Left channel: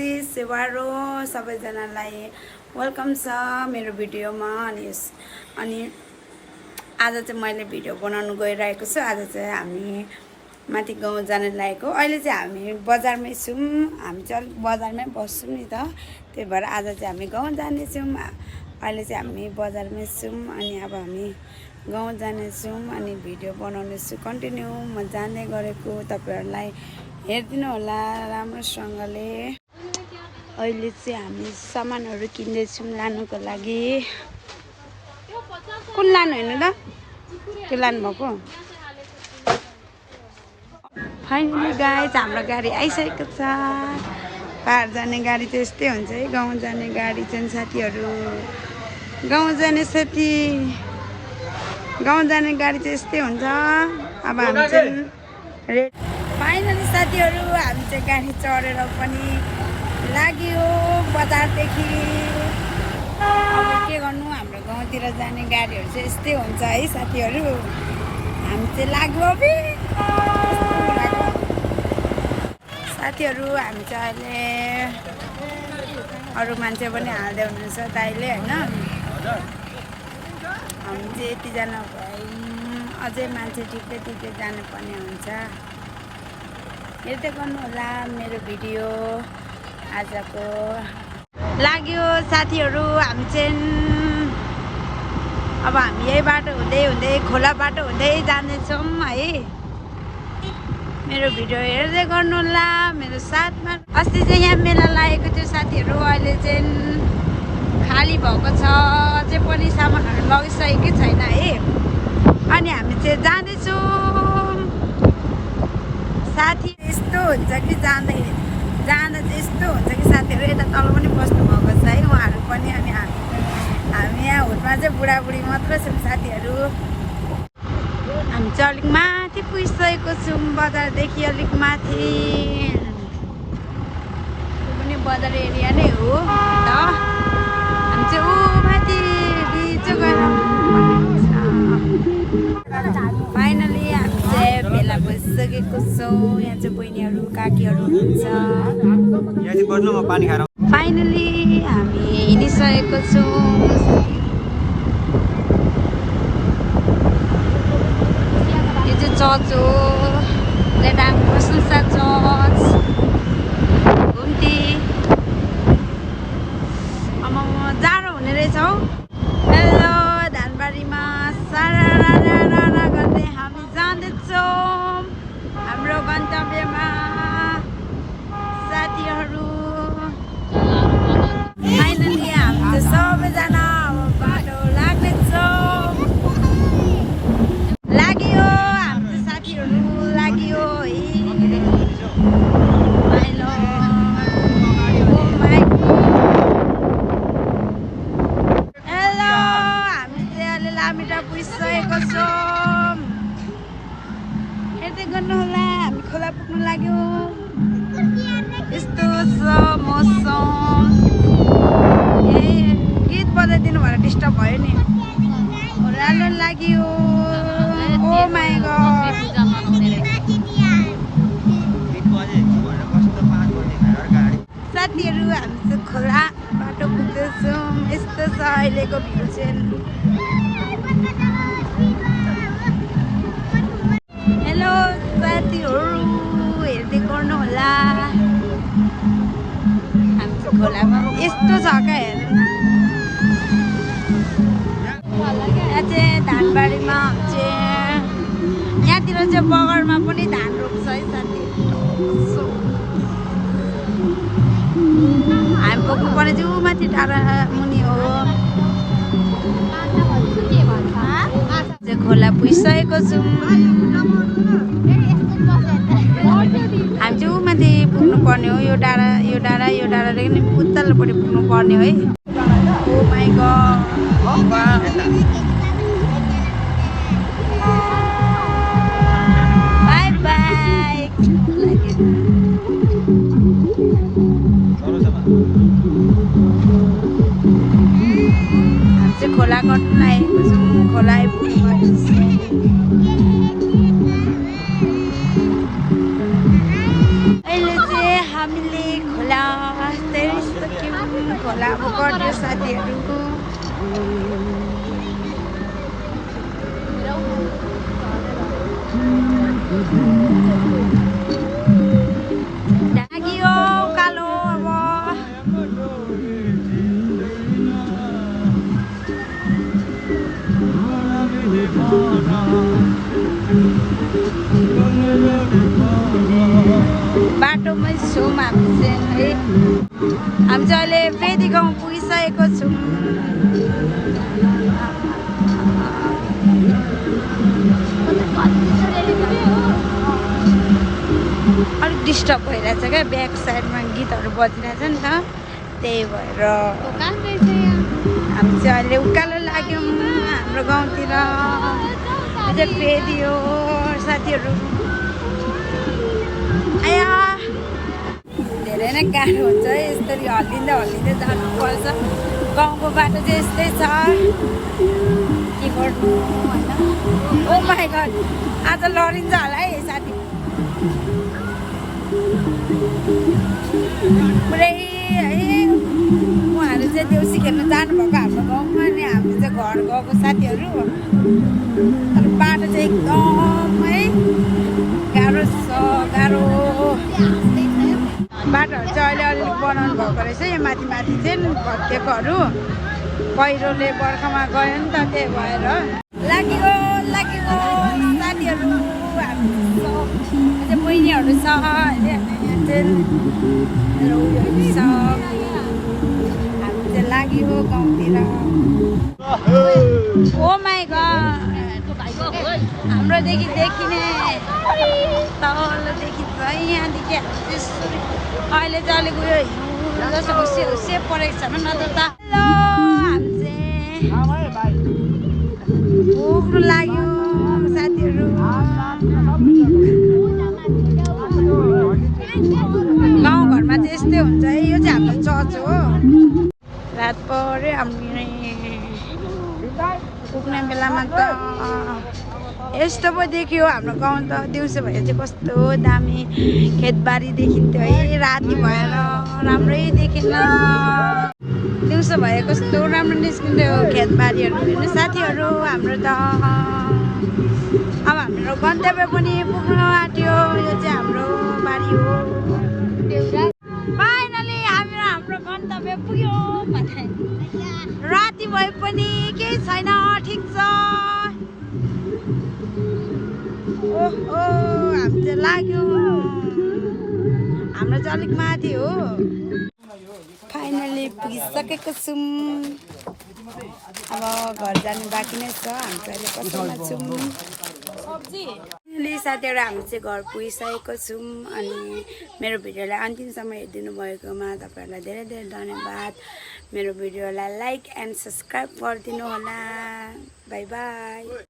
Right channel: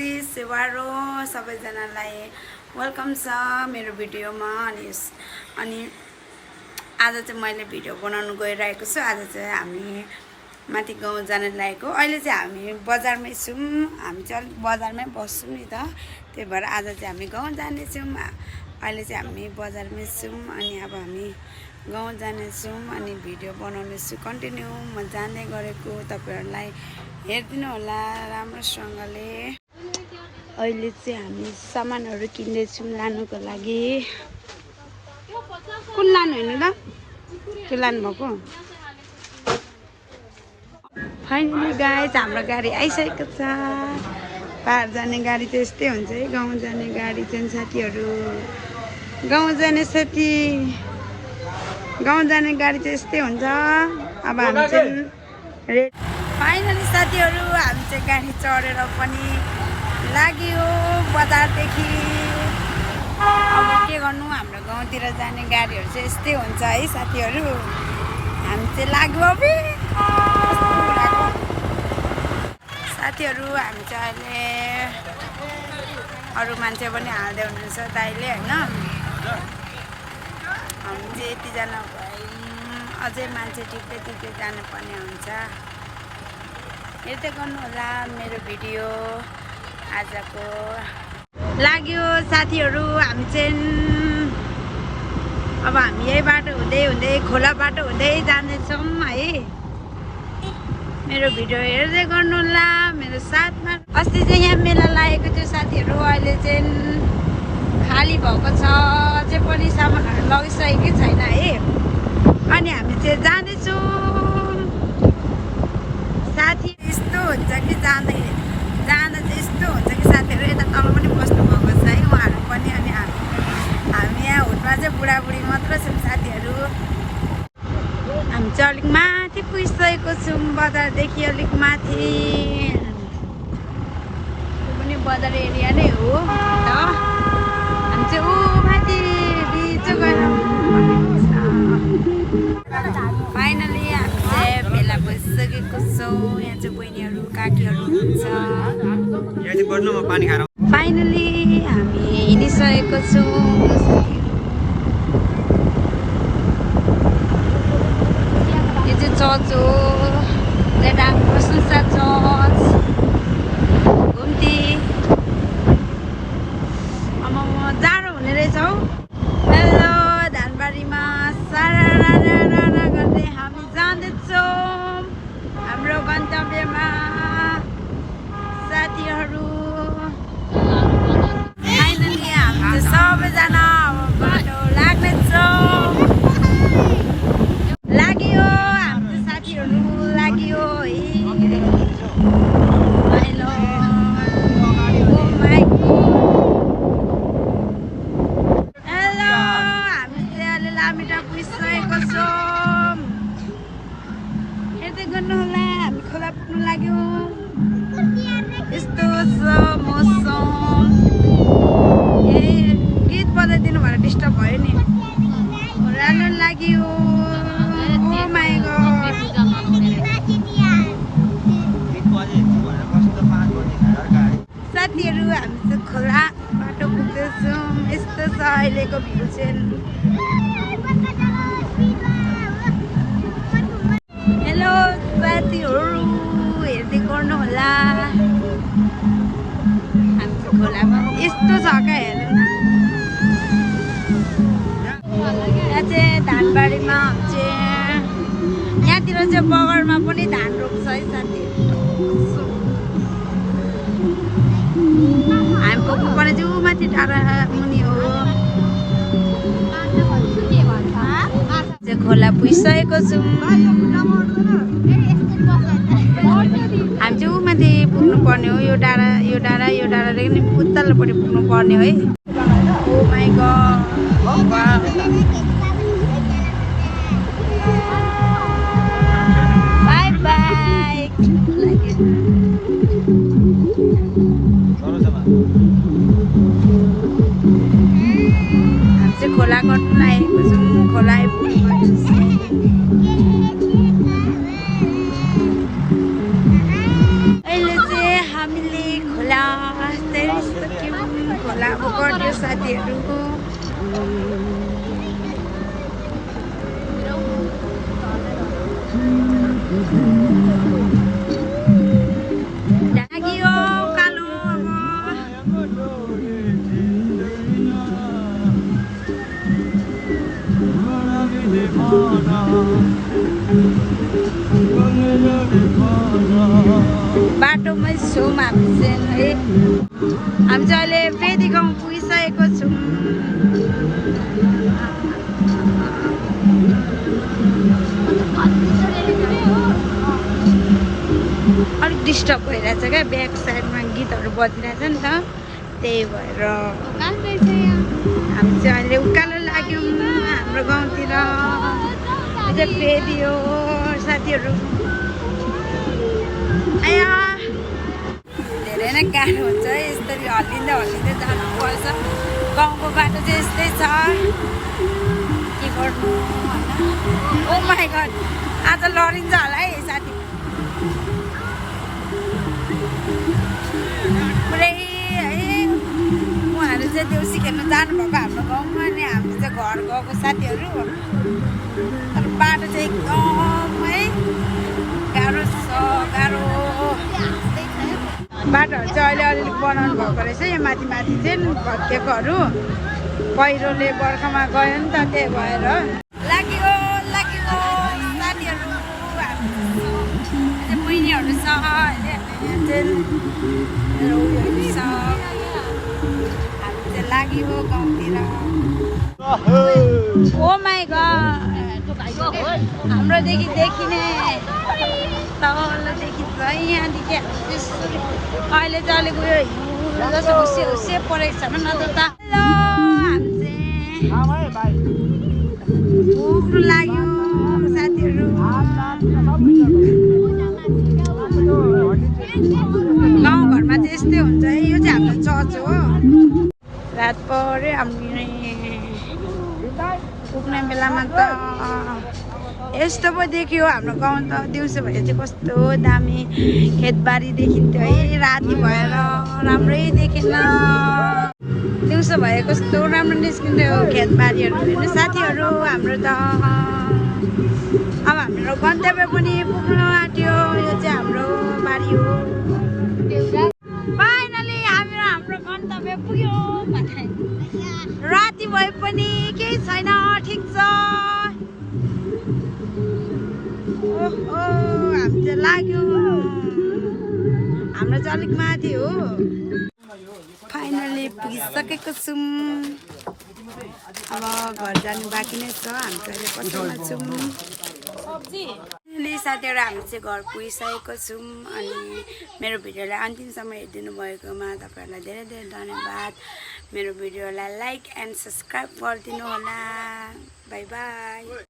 नमस्ते सेवारो सबैजनालाई वेलकम छ मेरो भिडियोमा। अनि आज चाहिँ मैले भिडियो बनाउन गइरहेको छु। आज चाहिँ हामी माथि गाउँ जान लागेको। अहिले चाहिँ हामी बजारमै छौँ। हामी चाहिँ अलिक बजारमै बस्छौँ नि त, त्यही भएर आज चाहिँ हामी गाउँ जानेछौँ। अहिले चाहिँ हामी बजारमै छौँ अनि अब हामी गाउँ जानेछौँ अनि भिडियो बनाउनेछु कन्टिन्यू। म जाने गरेको तपाईँहरूलाई हेरिदिनु होला राम्रोसँगले। अहिले चाहिँ हामी सामानहरू किन्दैछौँ लानुको लागि। कुन लानु हेर्नु त त्यो लानुभएको। फाइनली गाइज हाम्रो गाडी आइसकेको छ। पार जाने गाडी चाहिँ यस्तै हुन्छ है। गाउँ जाने गाडी चाहिँ साथीहरू, गाउँ जाने साथी, गाउँ जाने गाडी चाहिँ यस्तै हुन्छ। अब हामी चाहिँ फाइनली साथीहरू हामी चाहिँ गाडी चढेर पनि लाग्यो बजारदेखि। अब के गर्नु, हाम्रो गाउँतिर जाने गाडीहरू चाहिँ यस्तै हुन्छ है साथीहरू। हामी चाहिँ लाग्यो अब साथीहरू। हामी चाहिँ अहिले अरू मान्छे पनि हाल्दै हुनुहुन्छ दाइले होइन। हामी चाहिँ यतिजना भयौँ, अझै मान्छे ठिकै जानुपर्ने हुन्छ। हेर्दै गर्नु होला मेरो भिडियो आजको। लाग्यो साथीहरू हामी चाहिँ अब हामी यही बाटो हुँदै खोला बाटो हुँदै जाँदैछौँ है। मेरो भिडियो हेर्दै गर्नु होला मेरो साथमा। अस्ति चाहिँ यहाँ मेला लागेको थियो साथीहरू, अहिले चाहिँ खाली भएको छ। अझै पनि सामानहरू लगिसकेकै छैन है। अनि हामी चाहिँ जाँदैछौँ साथी। यस्तो हुन्छ कि जाँदा चाहिँ यस्तो हुन्छ कि साथीहरू यता तल पनि बस्नु भएको छ है उहाँहरू पनि। अनि हामी यहाँ हुटमा चाहिँ बुढाबुढी मात्र छौँ साथीहरू। हामी चाहिँ अलिक माथि पुगिसकेको छौँ, बजारदेखि अलिक माथि। त्यो पनि बजार एरिया नै हो त। हामी चाहिँ ऊ माथि बिच गएर फाइनली हामी चाहिँ भेला भइसकेको छौँ। यहाँ चाहिँ बहिनीहरू काकीहरू हुनुहुन्छ। फाइनली हामी हिँडिसकेको छौँ। यो चाहिँ चर्च हो, लेटाङ प्रशंसा चर्च घुम्ती। अब जाडो हुने रहेछ हौ। हेलो धानबारीमा सारा गर्दै हामी जाँदैछौँ हाम्रो गन्तव्यमा साथीहरू। फाइनली हामी सबैजना अब बाटो लाग्नेछौँ। लाग्यो हाम्रो साथीहरू, लाग्यो है। हेलो ओ माई हेलो हामी चाहिँ अहिले लामिटा पुगिसकेको छौँ। यतै गर्नु होला हामी खोला पुग्नु लाग्यो। यस्तो छ मौसम। ए गीत बजाइदिनु भएर डिस्टर्ब भयो नि। राम्रो लाग्यो। ओ माई गड साथीहरू हामी चाहिँ खोला बाटो पुग्दैछौँ। यस्तो छ अहिलेको भ्यू। हेलो साथीहरू हेर्दै गर्नु होला। खोलामा यस्तो छ क्या हेर्नु न। यहाँ चाहिँ धानबारीमा चाहिँ यहाँतिर चाहिँ बगरमा पनि धान रोप्छ है साथीहरू। हामी पुग्नुपर्ने चाहिँ ऊ माथि टाढा मुनि हो। चाहिँ खोला पुगिसकेको छौँ। हामी चाहिँ ऊ माथि पुग्नु पर्ने हो। यो डाँडादेखि उत्तरपट्टि पुग्नु पर्ने है। ओ माई गड बाई बाई। हामी चाहिँ खोला कट्नु लागेको छौँ। खोला अहिले चाहिँ हामीले खोला कस्तो क्युट खोला अब कट्यो साथीहरू। लाग्यो कालो बाटोमै छौँ हामी चाहिँ है। हामी चाहिँ अहिले फेदी गाउँ पुगिसकेको छौँ। अलिक डिस्टर्ब भइरहेछ क्या, ब्याक साइडमा गीतहरू बजिरहेछ नि त, त्यही भएर हामी चाहिँ अहिले उकालो लाग्यौँ हाम्रो गाउँतिर। यो चाहिँ फेदी हो साथीहरू। आया धेरै नै गाह्रो हुन्छ है, यसरी हल्लिँदै हल्लिँदै जानुपर्छ। गाउँको बाटो चाहिँ यस्तै छ, के गर्नु होइन। ओ माई गड, आज लडिन्छ होला है साथी। पुरै है उहाँहरू चाहिँ देउसी खेल्नु जानुभएको हाम्रो गाउँमा, अनि हामी चाहिँ घर गएको साथीहरू। अनि बाटो चाहिँ एकदमै गाह्रो छ, गाह्रो बाटोहरू चाहिँ अहिले अलिअलि बनाउनु भएको रहेछ। यो माथि माथि चाहिँ भत्केकोहरू पहिरोले बर्खामा गयो नि त, त्यही भएर लाग्यो लाग्यो साथीहरू। हामी अझै बहिनीहरू छ, हामी चाहिँ लाग्यो गाउँतिर। ओ माई गड, हाम्रोदेखि देखिने तलदेखि छ यहाँदेखि अहिले चाहिँ अलिक उयो हिउँ जस्तो हुस्से हुस्से परेको छ न त। हेलो, हामी चाहिँ पुग्नु लाग्यो साथीहरू। गाउँघरमा चाहिँ यस्तै हुन्छ है। यो चाहिँ हाम्रो चर्च हो। रात पऱ्यो हामी पुग्ने बेलामा त यस्तो पो देखियो हाम्रो गाउँ त। दिउँसो भए चाहिँ कस्तो दामी खेतबारी देखिन्थ्यो है, राति भएर राम्रै देखेन। दिउँसो भए कस्तो राम्रो निस्किन्थ्यो खेतबारीहरू हेर्नु साथीहरू हाम्रो त। अब हाम्रो गन्तव्य पनि पुग्न आँट्यो। यो चाहिँ हाम्रो बारी हो। फाइनली हाम्रो गन्तव्य पुग्यो। राति भए पनि केही छैन, ठिक छ। ओहो, हामी चाहिँ लाग्यो, हाम्रो चाहिँ अलिक माथि हो। फाइनली पुगिसकेको छौँ। अब घर जानु बाँकी नै छ। हामी चाहिँ अहिले पसलमा छौँ। साथीहरू हामी चाहिँ घर पुगिसकेको छौँ। अनि मेरो भिडियोलाई अन्तिमसम्म हेरिदिनु भएकोमा तपाईँहरूलाई धेरै धेरै धन्यवाद। मेरो भिडियोलाई लाइक एन्ड सब्सक्राइब गरिदिनु होला। By by.